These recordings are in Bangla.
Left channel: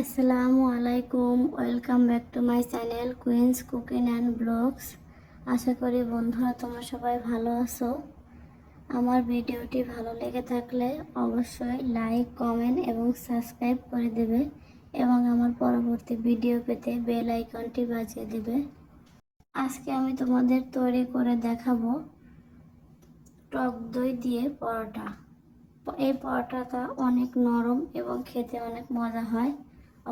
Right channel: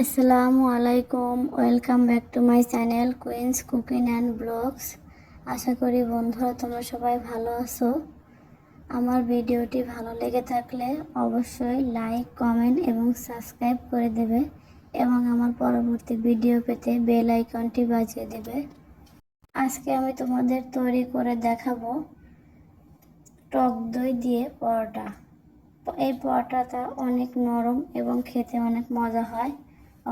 আসসালামু আলাইকুম, welcome back to my channel queens cooking and blogs. আশা করি বন্ধুরা তোমরা সবাই ভালো আছো। আমার ভিডিওটি ভালো লেগে থাকলে অবশ্যই লাইক, কমেন্ট এবং সাবস্ক্রাইব করে দেবে এবং আমার পরবর্তী ভিডিও পেতে বেল আইকনটি বাজিয়ে দেবে। আজকে আমি তোমাদের তৈরি করে দেখাবো টক দই দিয়ে পরোটা। এই পরোটাটা অনেক নরম এবং খেতে অনেক মজা হয়।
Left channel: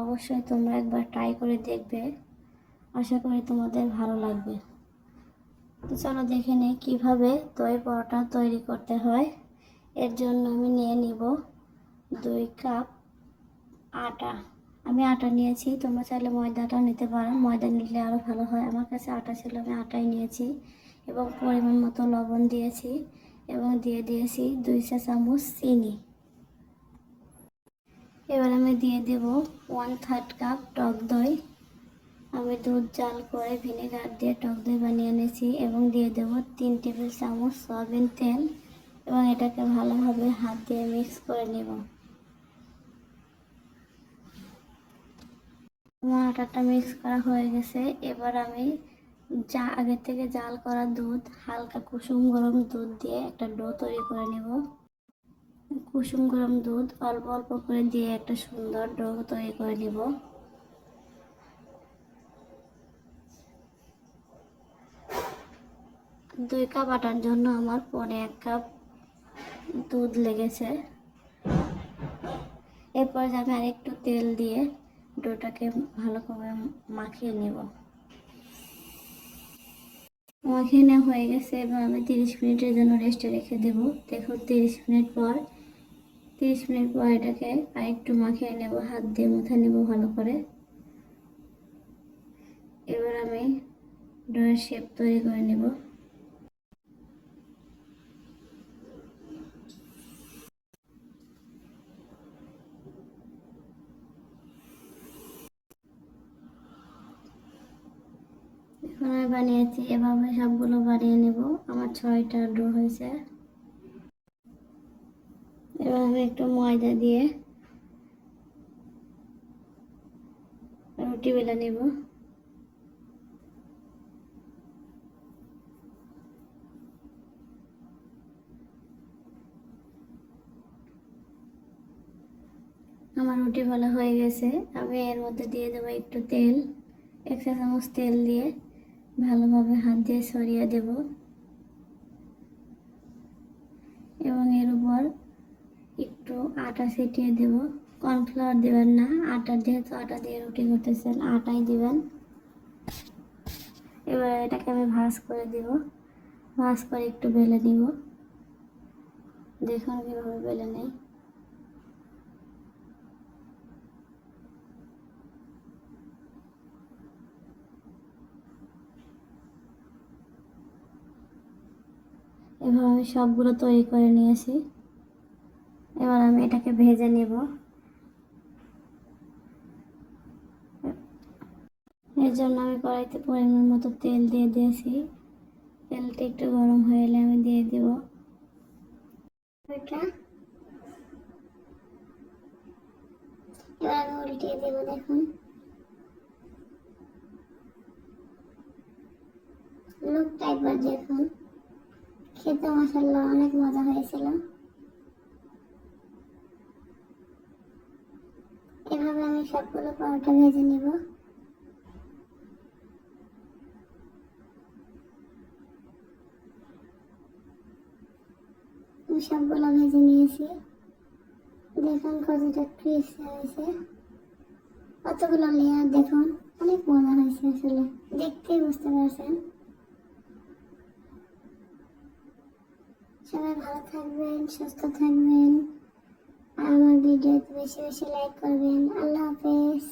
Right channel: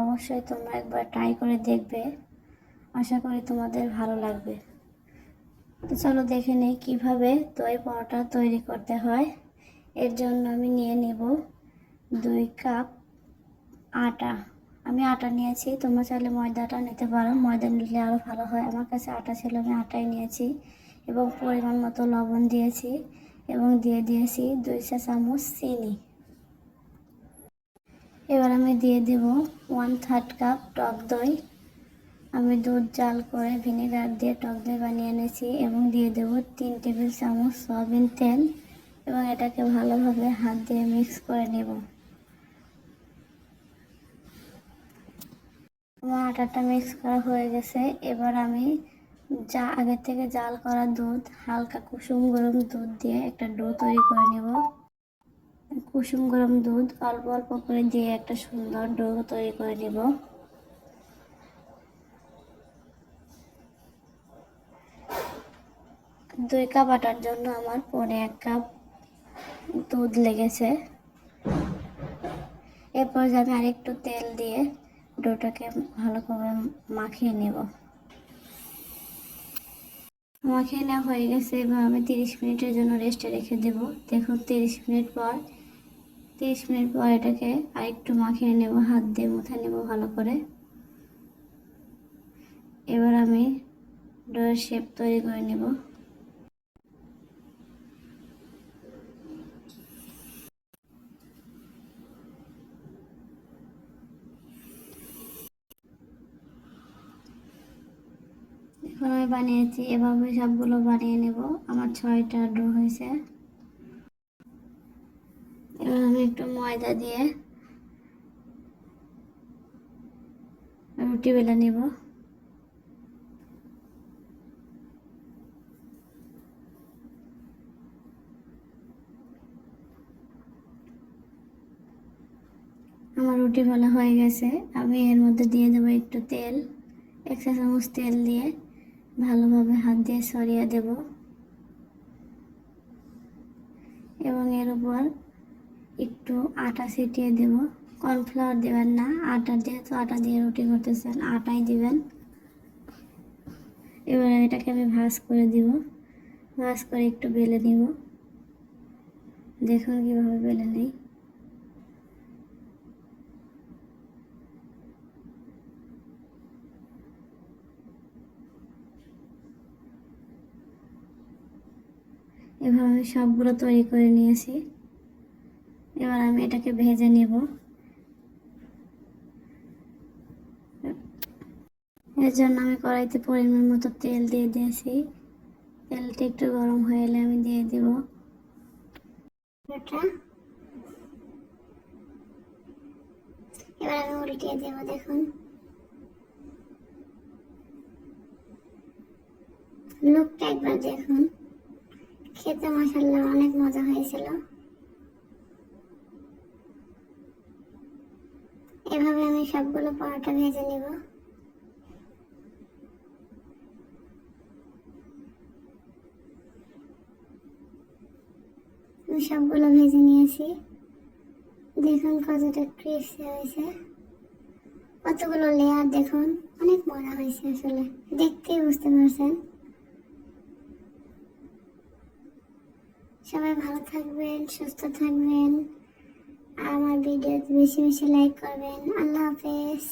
অবশ্যই তোমরা একবার ট্রাই করে দেখবে, আশা করি তোমাদের ভালো লাগবে। তো চলো দেখে নিই কীভাবে দই পরোটা তৈরি করতে হয়। এর জন্য আমি নিয়ে নিব 2 কাপ আটা। আমি আটা নিয়েছি, তোমরা চাইলে ময়দাটা নিতে পারো, ময়দা নিলে আরও ভালো হয়। আমার কাছে আটা ছিল, আমি আটাই নিয়েছি এবং পরিমাণ মতো লবণ দিয়েছি এবং দিয়ে দিয়েছি 2 চা চামচ চিনি। এবার আমি দিয়ে দেব 1/3 কাপ টক দই। আমি দুধ জাল করে ভিনেগার দিয়ে টক দই বানিয়ে এনেছি এবং দিয়ে দেব 3 টেবিল চামচ সয়াবিন তেল এবং এটাকে ভালোভাবে হাত দিয়ে মিক্স করে নেব। আমার আটাটা মিক্স করা হয়ে গেছে। এবার আমি আগে থেকে জাল করা দুধ, হালকা কুসুম গরম দুধ দিয়ে একটা ডো তৈরি করে নেব। কুসুম গরম দুধ অল্প অল্প করে দিয়ে একটা সুন্দর ডো তৈরি করে নেব। 2 কাপ আটার জন্য আমার 1.5 কাপ দুধ লেগেছে। এরপর আমি আরেকটু তেল দিয়ে ডোটাকে ভালো করে মাখিয়ে নেব। মাখিয়ে নেওয়া হয়ে গেছে। এবার আমি 30 মিনিটের জন্য রেস্টে রেখে দেব। দেখুন 30 মিনিট পর এটাকে আরেকটু মাখিয়ে নেব, হাত দিয়ে মুথে নেব ভালো করে। এবার আমি ডোয়ের শেপ তৈরি করে নেব। এখন আমি বানিয়েছি, এভাবে সবগুলো বানিয়ে নেব। আমার 6টা ডো হয়েছে। এবার আমি একটু ময়দা দিয়ে রুটি বেলে নেব। আমার রুটি ভালো হয়ে গেছে। আমি এর মধ্যে দিয়ে দেবো একটু তেল, 1 চা চামচ তেল দিয়ে ভালোভাবে হাত দিয়ে ছড়িয়ে দেব এবং এর উপর একটু আটা ছিটিয়ে দেব। কর্নফ্লাওয়ার দেবেন না, যেহেতু আটা দিয়ে রুটি করতেছেন আটাই দিবেন। এবার এটাকে আমি ভাঁজ করে দেব, ভাঁজ করে একটু বেলে নিব। দেখুন কীভাবে বেলে নেই। এভাবে আমি সবগুলো তৈরি করে নিয়েছি। এবার আমি এটাকে ভেজে নেব। এর জন্য আমি কড়াইতে পরিমাণ মতো তেল দিয়ে দিয়েছি। তেলটা একটু গরম হয়ে এলে আমি দিয়ে দেব এটা। এবার আমি উল্টিয়ে দেব। দেখুন লুকটা একবার দেখুন, খেতে মাশাআল্লাহ অনেক মজা হয়েছিল। এভাবে আমি সবগুলো পরোটা ভেজে নেব। আমি সবগুলো ভেজে নিয়েছি। দেখুন কতটা ক্রিস্পি হয়েছে, কতগুলো লেয়ার। দেখুন অনেক মজা হয়েছে, আসলে দেখতেই বুঝতে পারছেন। সবাই ভালো থাকবেন, সুস্থ থাকবেন, আর আমার ভিডিওতে বেশি বেশি লাইক করবেন। আল্লাহ হাফেজ।